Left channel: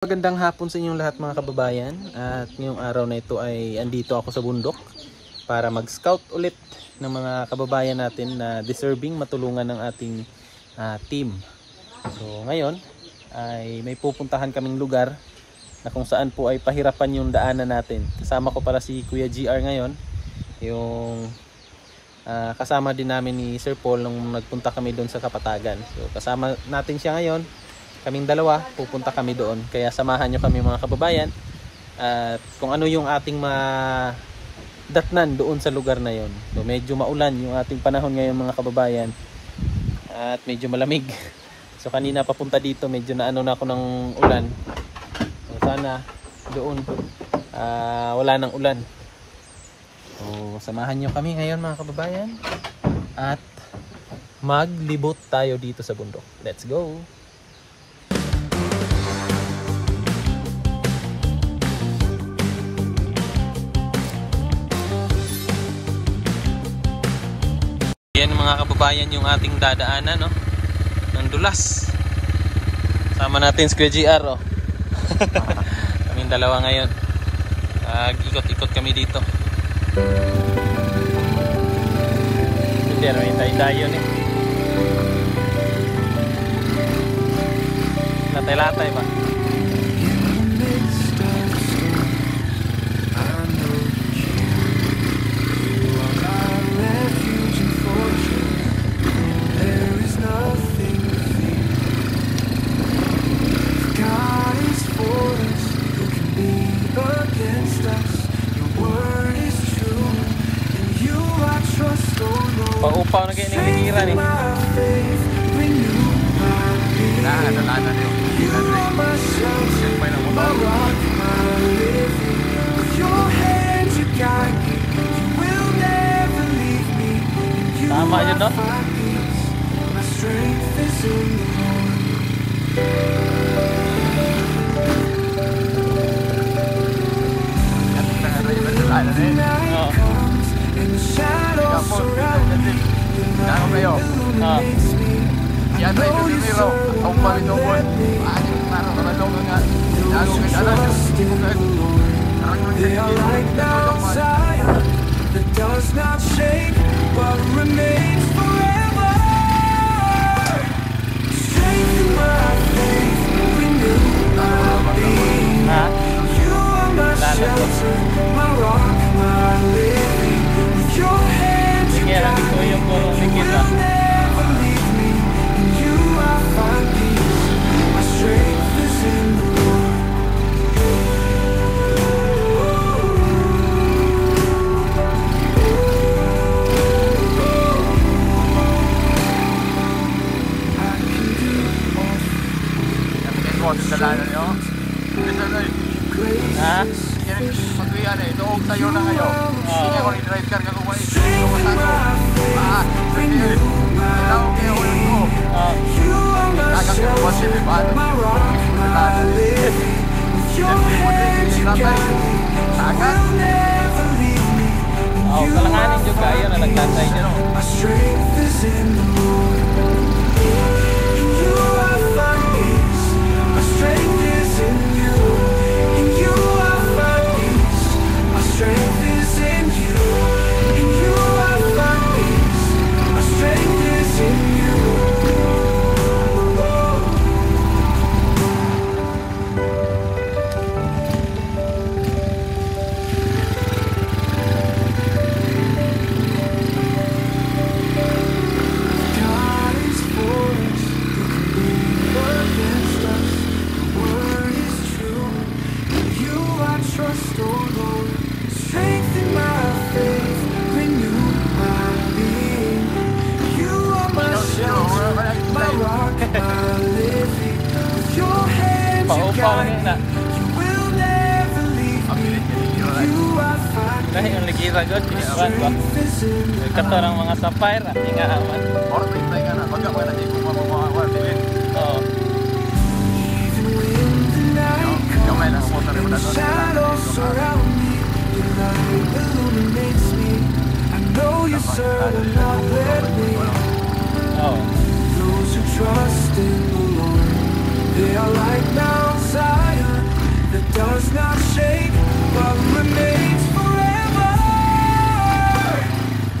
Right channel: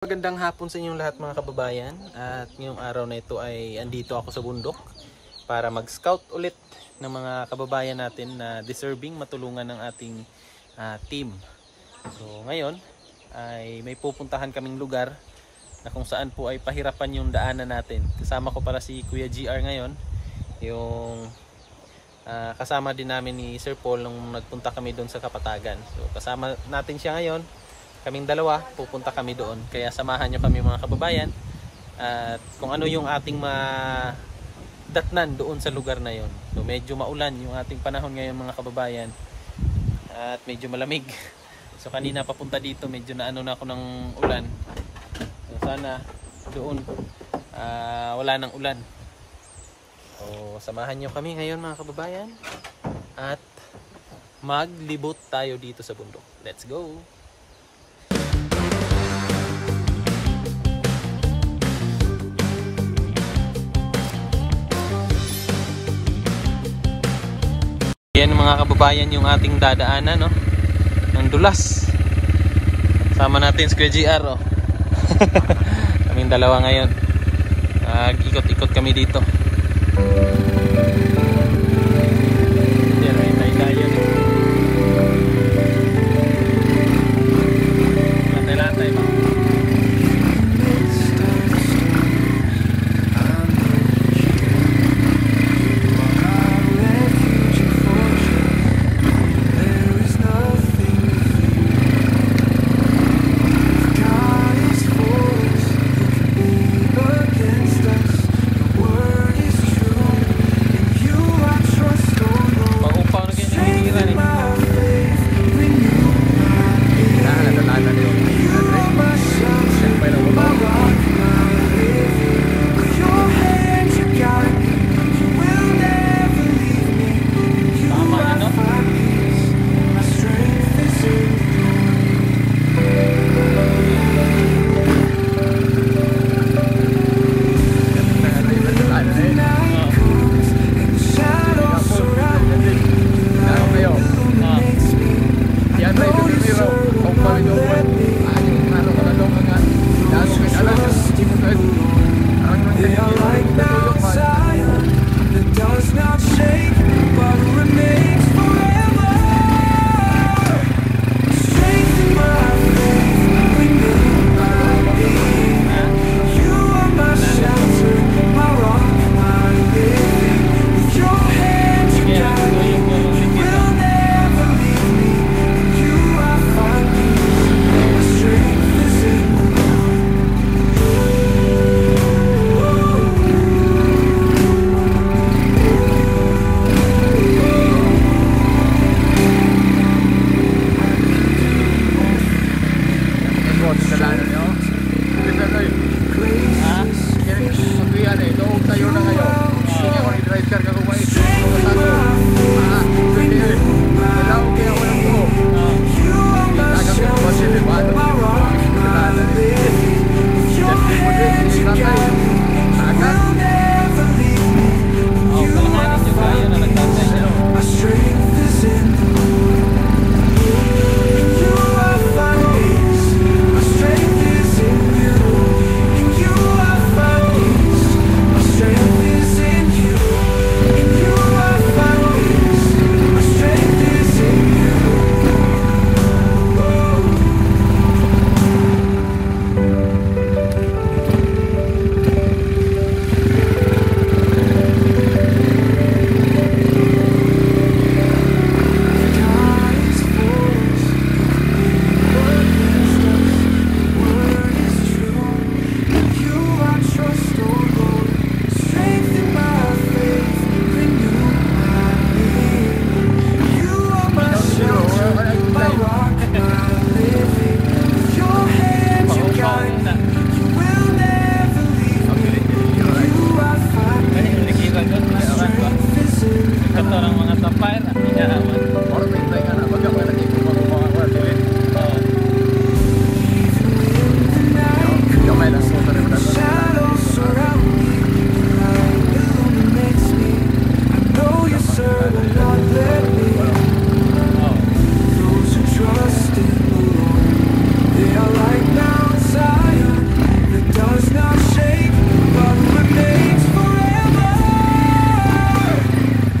Magandang hapon sa inyong lahat mga kababayan, at ngayong araw na ito ay andito ako sa bundok para mag-scout ulit ng mga kababayan natin na deserving matulungan ng ating team. So ngayon ay may pupuntahan kaming lugar na kung saan po ay pahirapan yung daanan natin. Kasama ko pala si Kuya GR ngayon, yung kasama din namin ni Sir Paul nung nagpunta kami doon sa Kapatagan. So kasama natin siya ngayon. Kaming dalawa, pupunta kami doon. Kaya samahan nyo kami mga kababayan. At kung ano yung ating datnan doon sa lugar na yon. So, medyo maulan yung ating panahon ngayon mga kababayan. At medyo malamig. So kanina papunta dito, medyo naano na ako ng ulan. So sana doon wala nang ulan. So samahan nyo kami ngayon mga kababayan. At maglibot tayo dito sa bundok. Let's go! Yan mga kababayan yung ating dadaanan, no? Ng dulas. Sama natin si GR, oh. Kaming dalawa ngayon. Ikot-ikot kami dito. Yan, may tayo eh. Latay-latay ba? They are like Mount Zion that does not shake but remains forever. Strengthen my faith, renew my being. You are my shelter, my rock, my living. With your hand you guide me, you will never leave me. In you I find peace, my strength is in the Lord. My rock, my living. With your hand you guide me, you will never leave me. In you I find peace, my strength is in the Lord. In you I find peace, my strength is in you. In you I find peace, my strength is in you. In you I find peace, my strength is in you. does not shake, but remains forever.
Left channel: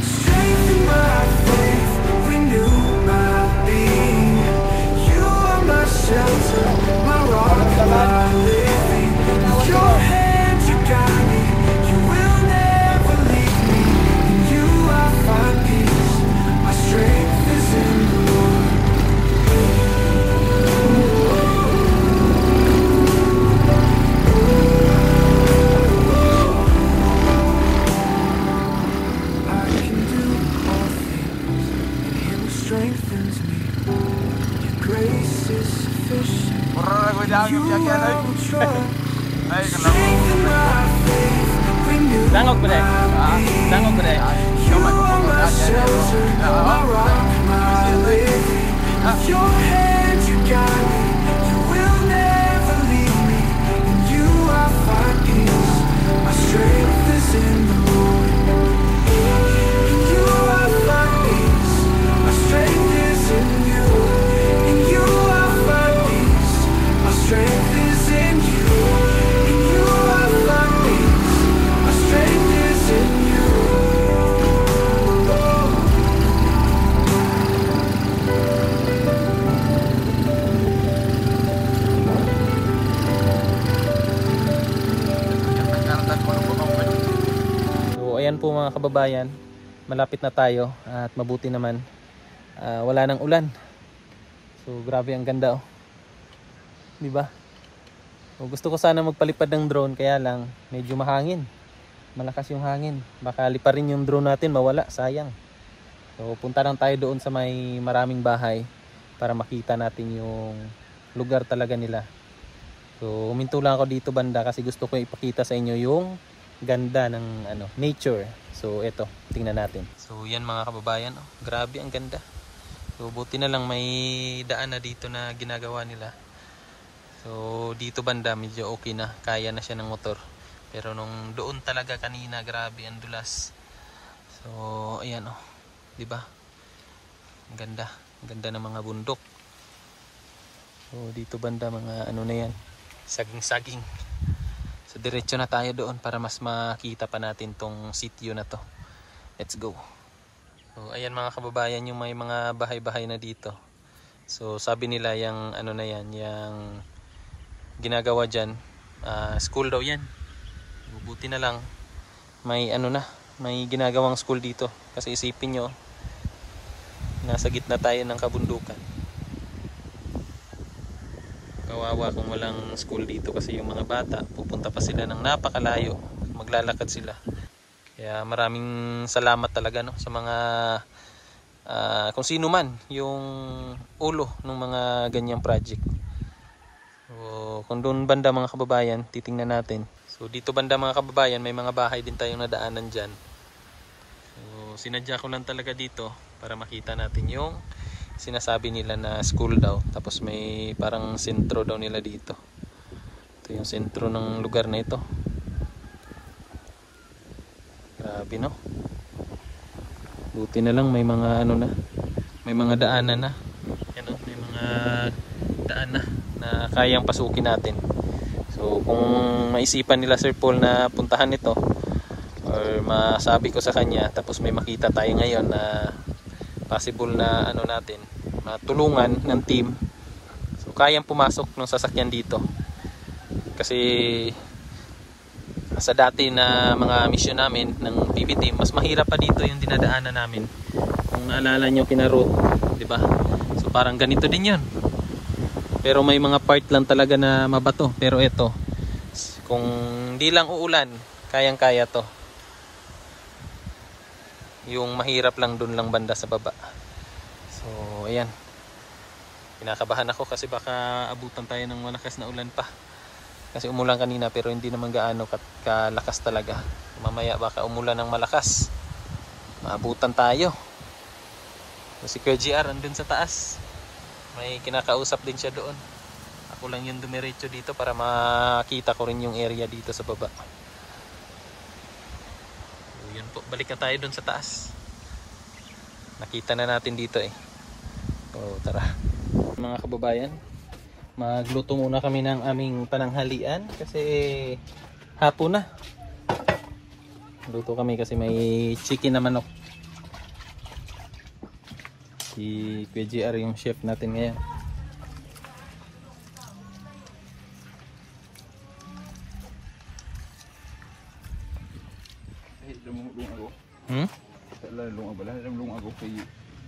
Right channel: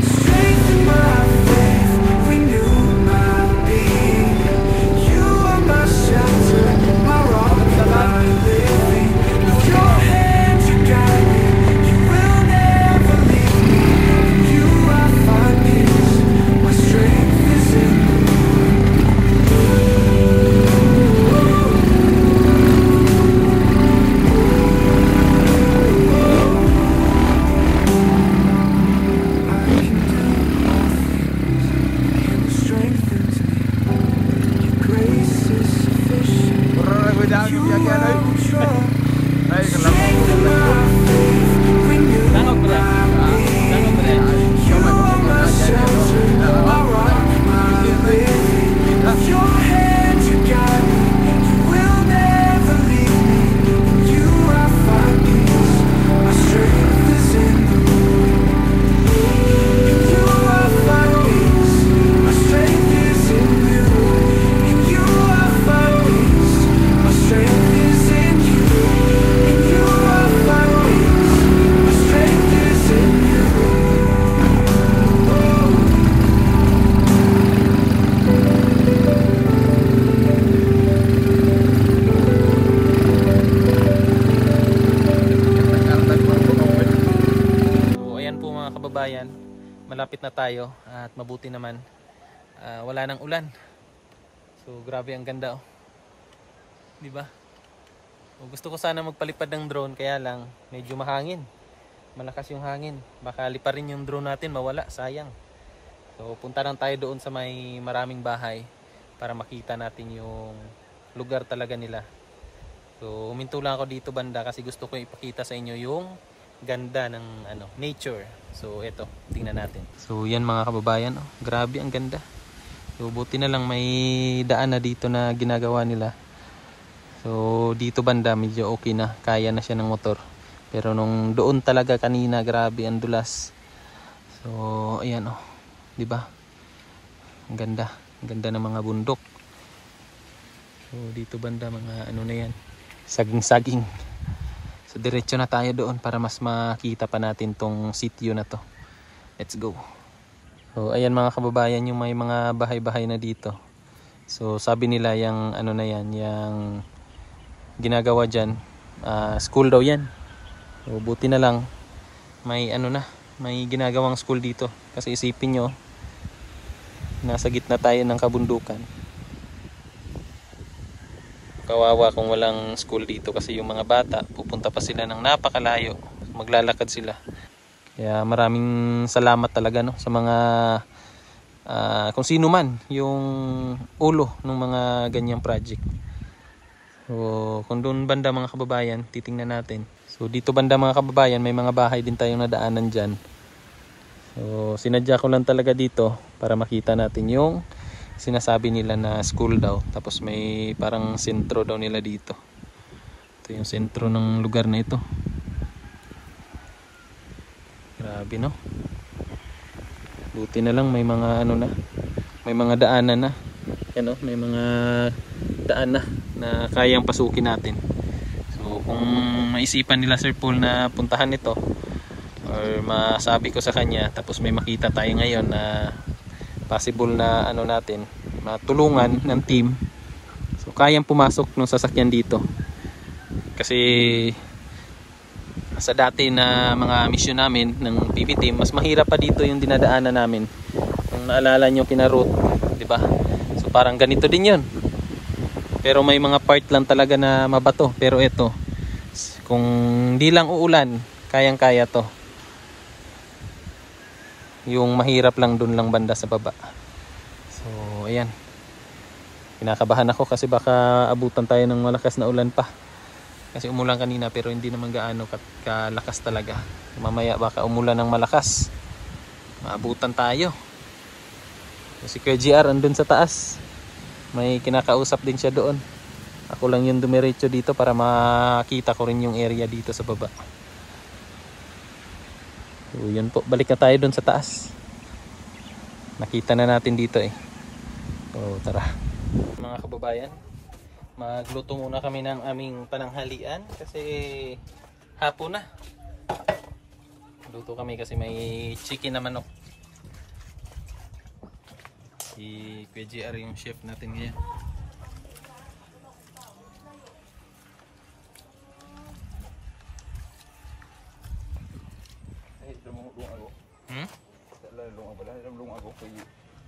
Strengthen my faith, renew my being. You are my shelter, my rock, my living. With your hand you guide me, you will never leave me. In you I find peace, my strength is in the Lord. I can do all things in him who strengthens me. Your grace is sufficient. You I will trust. Strengthen my faith, renew my being. You are my shelter, my rock, my living. With your hand you guide me, you will never leave me. In you I find peace, my strength is in the Lord. In you I find peace, my strength is in you. In you I find peace, my strength is in you. In you I find peace, my strength is in you. So ayan po mga kababayan, malapit na tayo at mabuti naman wala nang ulan. So grabe ang ganda oh. 'Di ba? So, gusto ko sana magpalipad ng drone kaya lang medyo mahangin. Malakas yung hangin. Baka liparin yung drone natin, mawala, sayang. So punta lang tayo doon sa may maraming bahay para makita natin yung lugar talaga nila. So huminto lang ako dito banda kasi gusto ko ipakita sa inyo yung ganda ng nature. So eto, tingnan natin. So yan mga kababayan, oh, grabe ang ganda. So buti na lang may daan na dito na ginagawa nila. So dito banda medyo okay na, kaya na siya ng motor. Pero nung doon talaga kanina, grabe ang dulas. So ayan oh, 'di ba? Ang ganda, ang ganda ng mga bundok. So dito banda mga na yan, saging-saging. So diretso na tayo doon para mas makita pa natin tong sitio na to. Let's go. So ayan mga kababayan, yung may mga bahay-bahay na dito. So sabi nila yung na yan, yung ginagawa dyan, school daw yan. So buti na lang may may ginagawang school dito. Kasi isipin nyo, nasa gitna tayo ng kabundukan. Kawawa kung walang school dito kasi yung mga bata pupunta pa sila ng napakalayo, maglalakad sila. Kaya maraming salamat talaga sa mga kung sino man yung ulo ng mga ganyang project. So kung doon banda mga kababayan, titingnan natin. So dito banda mga kababayan, may mga bahay din tayong nadaanan dyan. So sinadya ko lang talaga dito para makita natin yung sinasabi nila na school daw. Tapos may parang sentro daw nila dito. Ito yung sentro ng lugar na ito. Grabe no. Buti na lang may mga may mga daanan na. Yan may mga daan na kayang pasukin natin. So kung maisipan nila Sir Paul na puntahan ito or masabi ko sa kanya, tapos may makita tayo ngayon na possible na natin matulungan ng team, so kayang pumasok ng sasakyan dito. Kasi sa dati na mga mission namin ng PV team, mas mahirap pa dito yung dinadaanan namin. Kung naalala nyo kina Ruth, di ba? So parang ganito din yun, pero may mga part lang talaga na mabato. Pero ito, kung di lang uulan, kayang kaya to. Yung mahirap lang dun lang banda sa baba. So ayan, kinakabahan ako kasi baka abutan tayo ng malakas na ulan pa. Kasi umulan kanina pero hindi naman gaano kalakas talaga. Mamaya baka umulan ng malakas, maabutan tayo. So, si Kuya GR andun sa taas, may kinakausap din siya doon. Ako lang yung dumiretso dito para makita ko rin yung area dito sa baba. So yun po, balik na tayo dun sa taas. Nakita na natin dito So tara mga kababayan, Magluto muna kami ng aming pananghalian kasi hapon na. Luto kami kasi may chicken na manok. Si Kuya JR yung chef natin ngayon.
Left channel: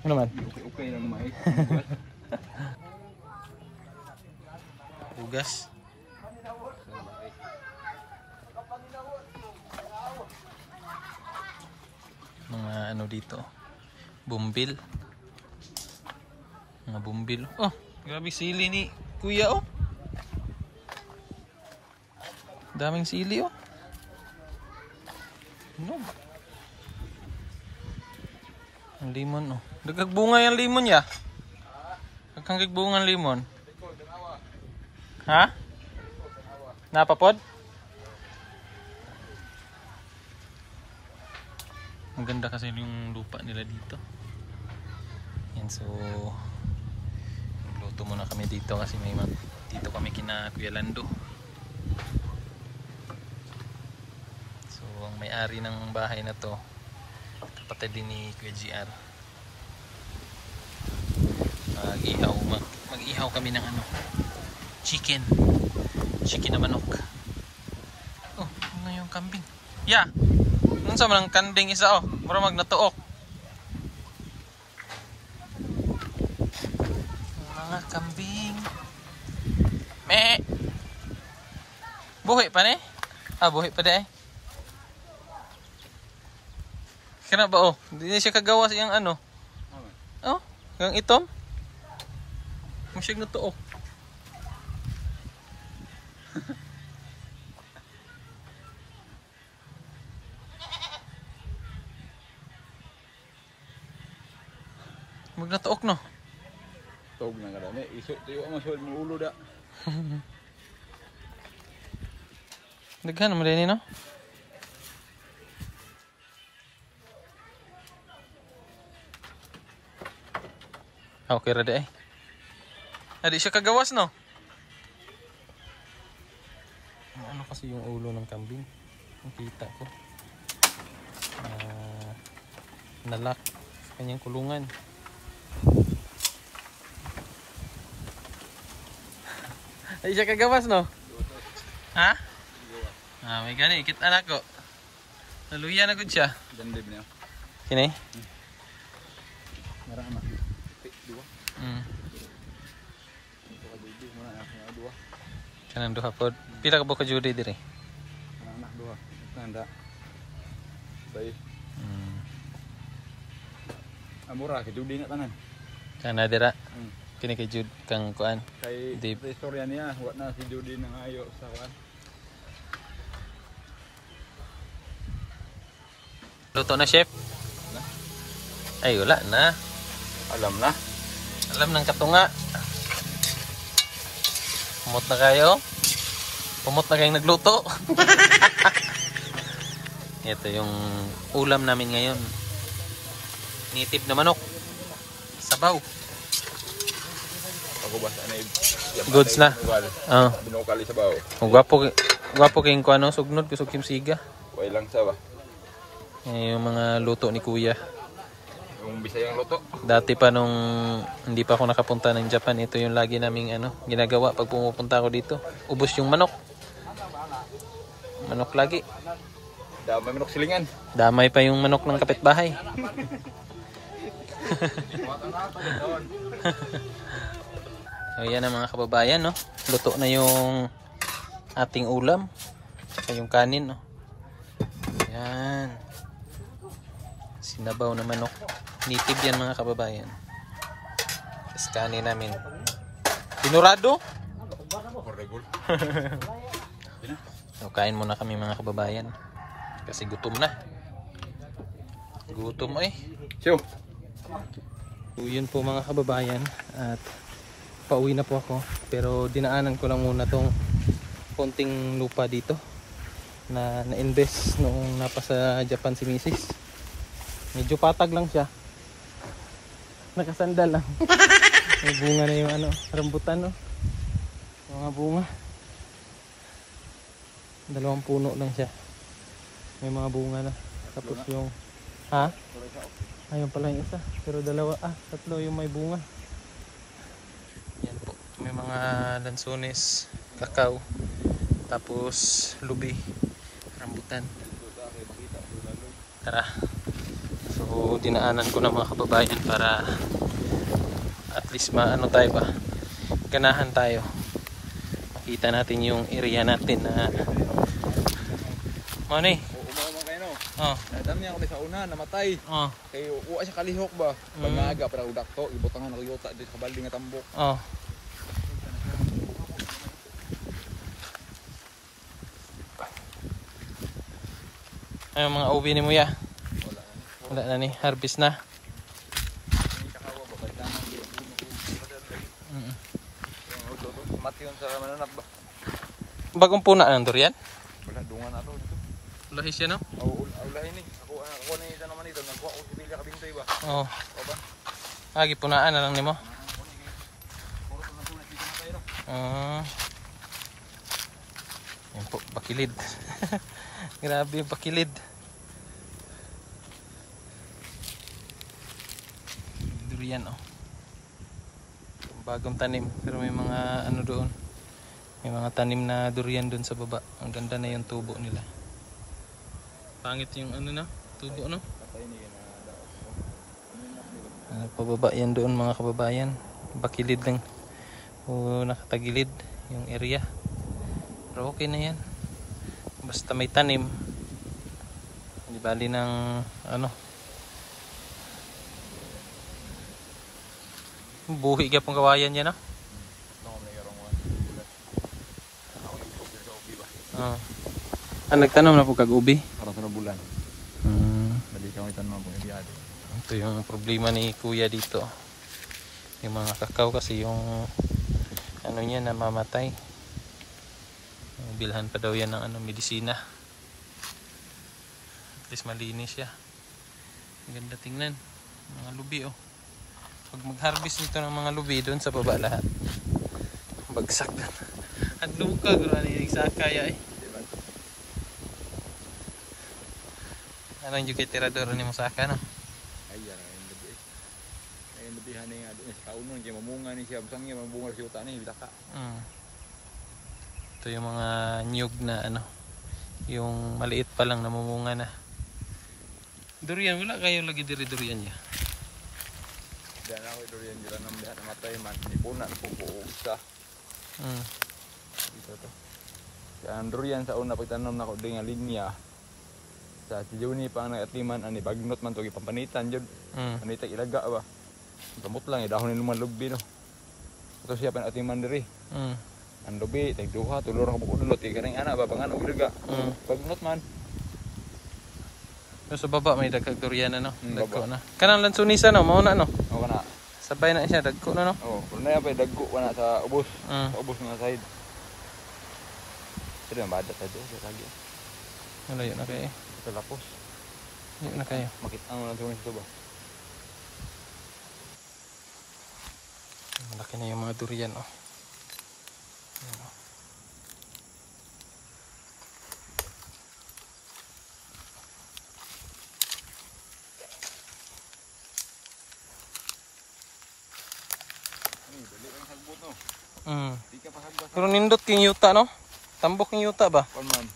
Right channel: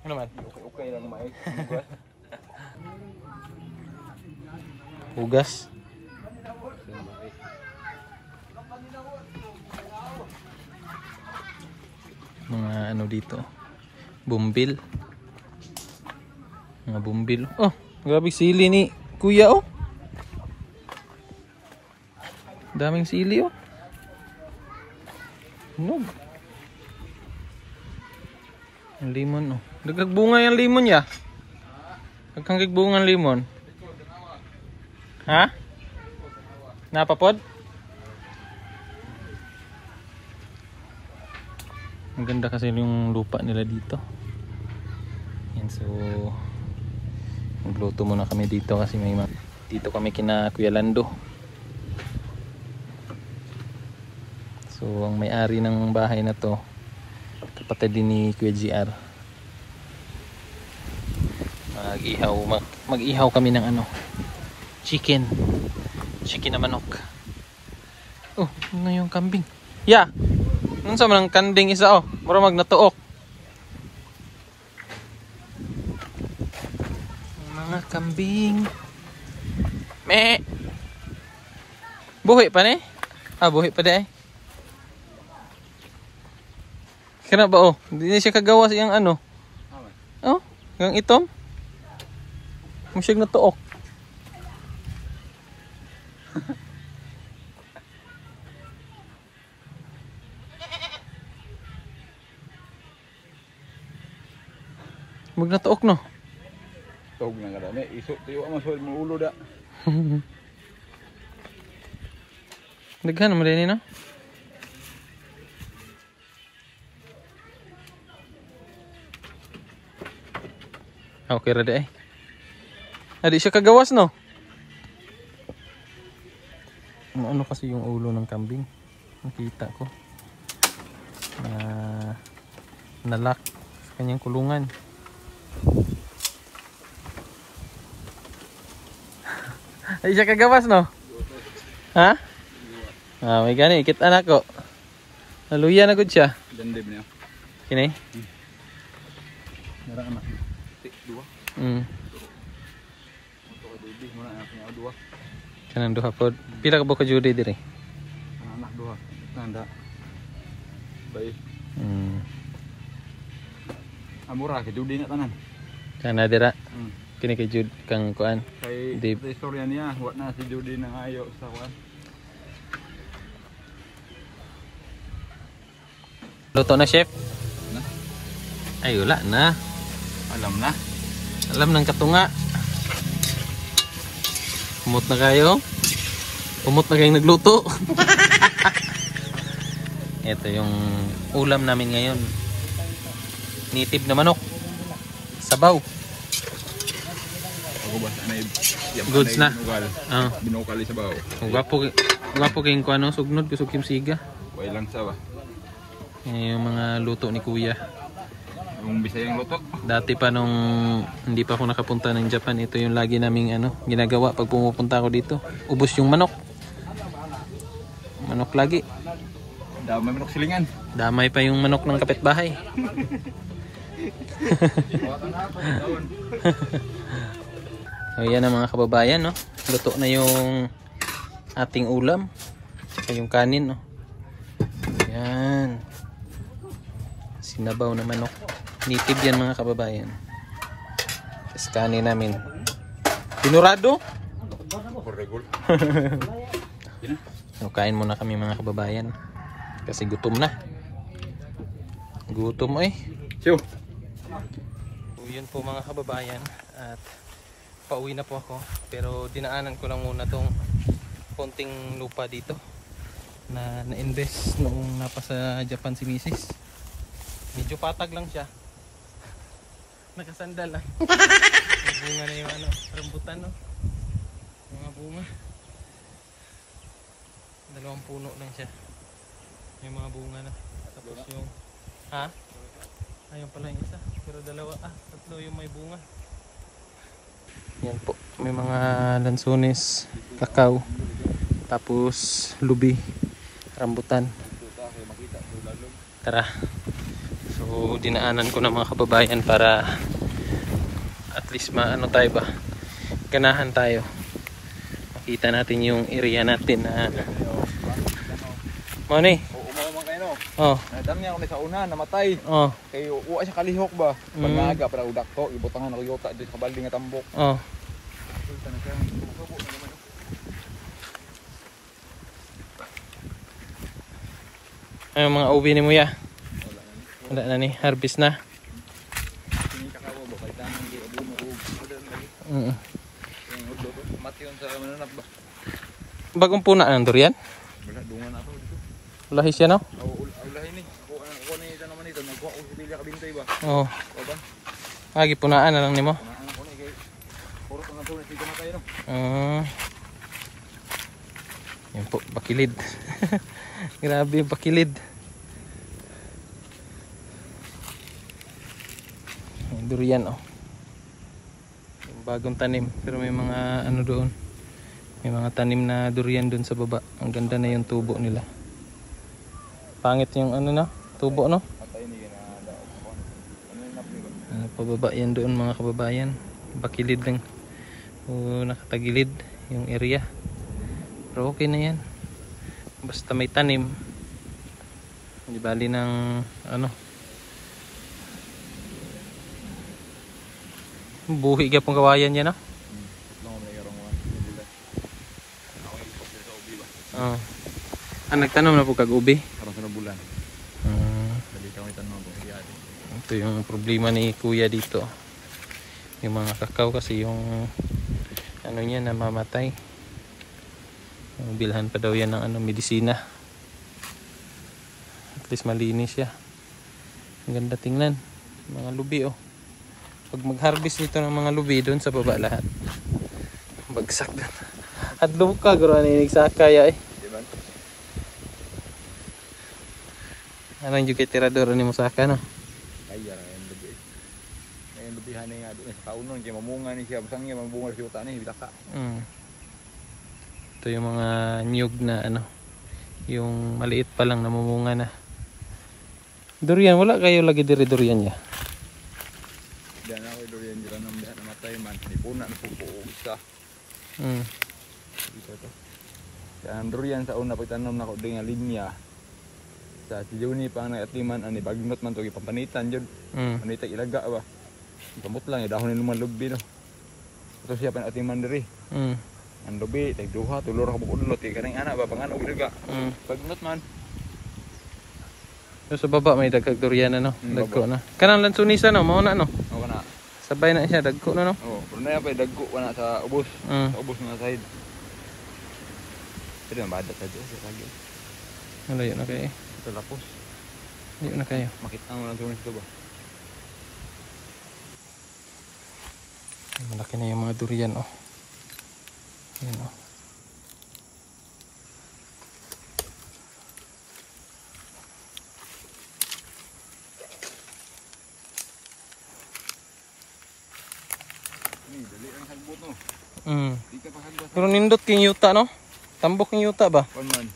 Ano naman? Okay lang may. Ugas. Mga ano dito. Bumbil. Mga bumbil. Oh, grabe sili ni Kuya oh. Daming sili oh. No. Ang limon oh. Nagagbunga yung limon ya. Nagkangigbunga ang limon. Ha? Napapod? Maganda kasi yung lupa nila dito. Yan, so magluto muna kami dito kasi may dito kami kina Kuya Lando. So ang may-ari ng bahay na to kapatid din ni Kuya JR. Mag-ihaw kami ng ano, chicken na manok. Oh, ano yung kambing? Ya, ano sa manang kanding isa oh, para magnatuok. Mga kambing. Me. Buhi pa ni? Ah, buhi pa di. Kena ba oh? Hindi siya kagawas yung ano. Oh, yung itom. Masyag na tuok. Mag na tuok no. Tuog na nga dami. Isok tayo ang masol mo ulo da. Daghan mo rin no. Okay ra di eh. Adi siya kagawas no. Ano kasi yung ulo ng kambing? Nakita ko. Nalak sa kanyang kulungan. Adi siya kagawas no. Ha? Ah, may gani ikit anak ko. Naluya na gud siya. Dandib niya. Kini? Nara anak. Dua. Muna anak niya dua. Kanang duha pod. Pila ka buka judi diri? Anak dua. Tanda. Baik. Amura ke judi na tanan. Kana dira. Kini kay jud kang kuan. Kay Dib. istorya niya, wa na si judi nang ayo sa kuan. Luto na chef? Na? Ay wala na. Alam na. Alam ng katunga. Pumot na kayo. Pumot na kayong nagluto. Ito yung ulam namin ngayon. Native na manok. Sabaw. Goods na. Oh. Binukali sa bawo. Gwapo kayong kuano sugnod kusog simsiga. Way lang sa ba. Yung mga luto ni Kuya. Yung Bisayang luto. Dati pa nung hindi pa ako nakapunta ng Japan, ito yung lagi naming ginagawa pag pumupunta ako dito. Ubos yung manok. Manok lagi. Damay manok silingan. Damay pa yung manok ng kapitbahay. So yan ang mga kababayan, no? Luto na yung ating ulam. Saka yung kanin, no? Yan. Sinabaw na manok. Native yan mga kababayan. Tapos kanin namin. Pinurado? So, kain muna kami mga kababayan. Kasi gutom na. Gutom eh. Siyo. So, yun po mga kababayan. At pauwi na po ako. Pero dinaanan ko lang muna tong konting lupa dito. Na na-invest noong napasa Japan si Mrs. Medyo patag lang siya. Nakasandal lang. May bunga na yung rambutan no. mga bunga. 2 puno lang siya. May mga bunga na. Tapos yung ayun pala yung isa. Pero 2, 3 yung may bunga. Yan po. May mga lansones, kakao, tapos lubi, rambutan. Tara. So dinaanan ko na mga kababayan para at least maano tayo ba, ganahan tayo. Makita natin yung area natin na Mani. Oh. Nadam niya ulit sa una, namatay. Oh. Kay uwa siya kalihok ba? Pagnaga para udak to, ibutang na nakayota din sa balde nga tambok. Oh. Ay mga ubi ni Muya. Wala na ni, harvest na. Bagong puna ng durian? Wala dungan na to. Lahis yan, no? Oo, ay lahi ni. Ako ni ito naman ito, nagkuha ko sa bilya kabintay ba? Oo. Ba? Lagi punaan na lang nimo. Ako ni kay puro ang tunas dito na kayo no. Yan po, bakilid. Grabe yung bakilid. Yung durian, oh. Yung bagong tanim, pero may mga ano doon. May mga tanim na durian doon sa baba. Ang ganda na yung tubo nila. Pangit yung ano na, tubo, no? Pababa yan doon mga kababayan. Bakilid lang. O nakatagilid yung area. Pero okay na yan. Basta may tanim. Hindi bali ng ano. Buhi ka pong kawayan yan, no? Nagtanong na po kag-ubi? Parang sa bulan. Ito yung problema ni kuya dito. Yung mga kakao kasi yung ano niya namamatay. Bilhan pa daw yan ng ano, medisina. At least malinis siya. Ang ganda tingnan. Mga lubi, oh. Pag mag-harvest dito ng mga lubi, doon sa baba lahat. Bagsak. At luka, guro na inigsakaya eh. Anong juga tirador ni Musaka, no? Ayar ang lubi. Ang lubihan nga di saunon kay mamunga ni siya, busang niya mamunga sa uta ni bilaka. Ito yung mga niyog na ano, yung maliit pa lang namumunga na. Durian, wala kayo lagi diri durian niya. Diyan ako durian dira nang matay man, di puna ni pupo isa. Dito to. Kaya ang durian sa una pagtanom nako dengan linya. Sa si Juni pang nagatiman ani bagnot man to gipampanitan jud. Ani ta ilaga ba. Kamot lang dahon ni luman lubi no. Ato siya pan atiman diri. Ang lubi tag duha tulor ka budlot kay kanang ana ba pangan og ilaga. Bagnot man. So sa baba may dagkag durian na no. Dagko na. Kanang lansunisa no, mao na no. O kana. Sabay na siya dagko na no. Oh, kun na pa dagko na sa ubos. Sa ubos nga side. Pero mabadak ka dito sa lagi. Alayo na kay. Tapos Yun na kayo. makita ang nagawin ito ba? Malaki na yung mga durian, oh. Yan, oh. Dali ang halbot no. Di ka pa halbot. Pero nindot king yuta, no? Tambok king yuta ba? Kuman.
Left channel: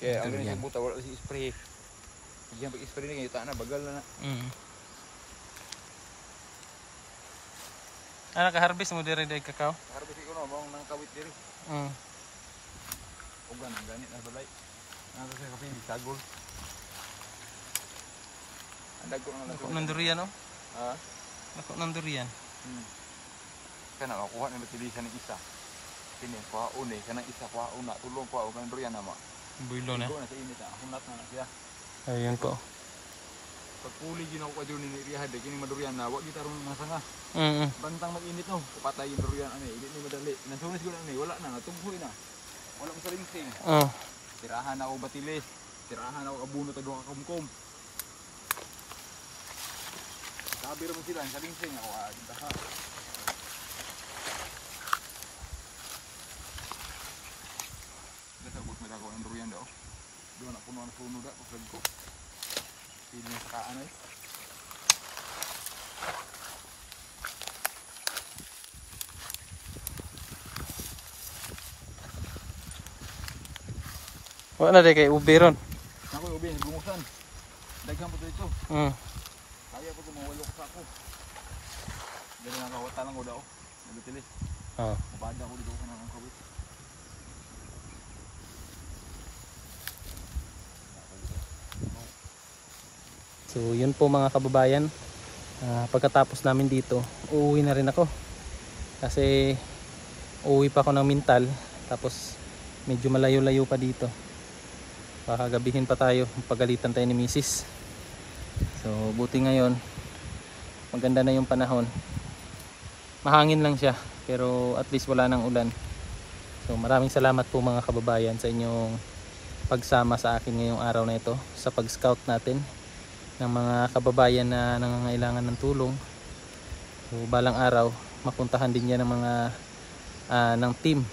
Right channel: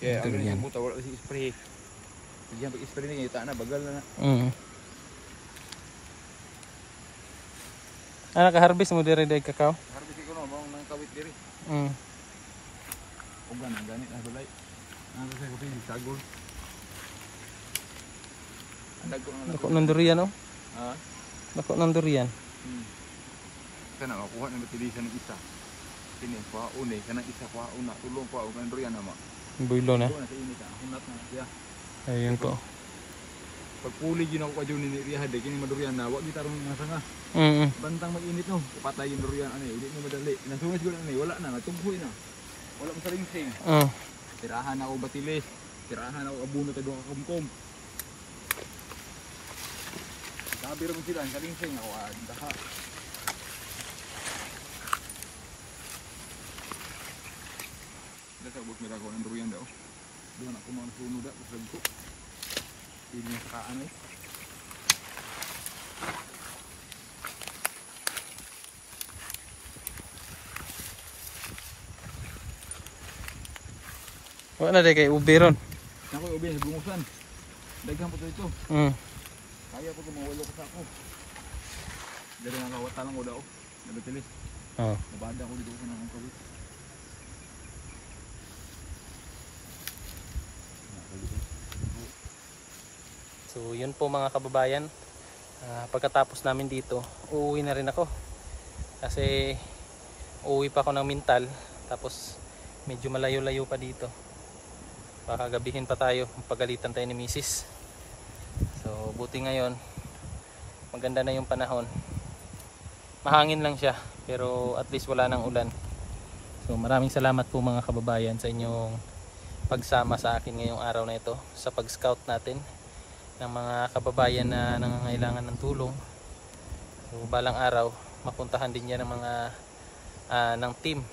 Kaya ang Durian. halbot wala si spray. Diyan pag spray ni yuta na bagal na. Naka-harvest mo diri day kakao? Harvest ko no mong nang kawit diri. Ugan ang ganit na balay. Ano sa kutin sagol. Andag ko Dako ng durian, oh. Ha? Dako ng durian. Kana makuha ng tulisan ng isa. Kini pa une kana isa pa una tulong pa og durian ama. Builo na. Sa init ah. Hinat na siya. Ayun po. Pag puli gid ako kadyo ni Riha de kini madurian na wa gitarong nga sanga. Bantang mag-init no, patay yung durian ani, hindi ni madali. Nasumis ko na ani, wala na, natughoy na. Wala pa sa ringsing. Tirahan ako batilis, tirahan ako abuno ta duha ka kumkom. Sabi ra mo sila sa ringsing ako daha. Nalago ng durian daw. Doon ako mga puno daw. Ito. Ini sa ano. Wala na kay ubi ron. Ako ubi sa bungusan. Daghan po ito. Kaya ko kumawalo ko sa ako. Dari nakawata lang ko daw. Nabitilis. Mabada ko dito ko ng kawit. So yun po mga kababayan. Pagkatapos namin dito, uuwi na rin ako. Kasi uuwi pa ako ng Mintal. Tapos medyo malayo-layo pa dito. Baka gabihin pa tayo. Pagalitan tayo ni Mrs. So buti ngayon maganda na yung panahon. Mahangin lang siya, pero at least wala nang ulan. So maraming salamat po mga kababayan sa inyong pagsama sa akin ngayong araw na ito sa pag-scout natin ng mga kababayan na nangangailangan ng tulong. So balang araw mapuntahan din yan ng mga ng team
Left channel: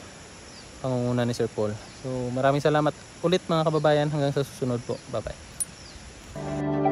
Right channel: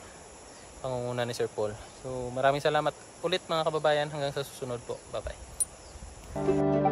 pangunguna ni Sir Paul. So maraming salamat ulit mga kababayan, hanggang sa susunod po. Bye bye.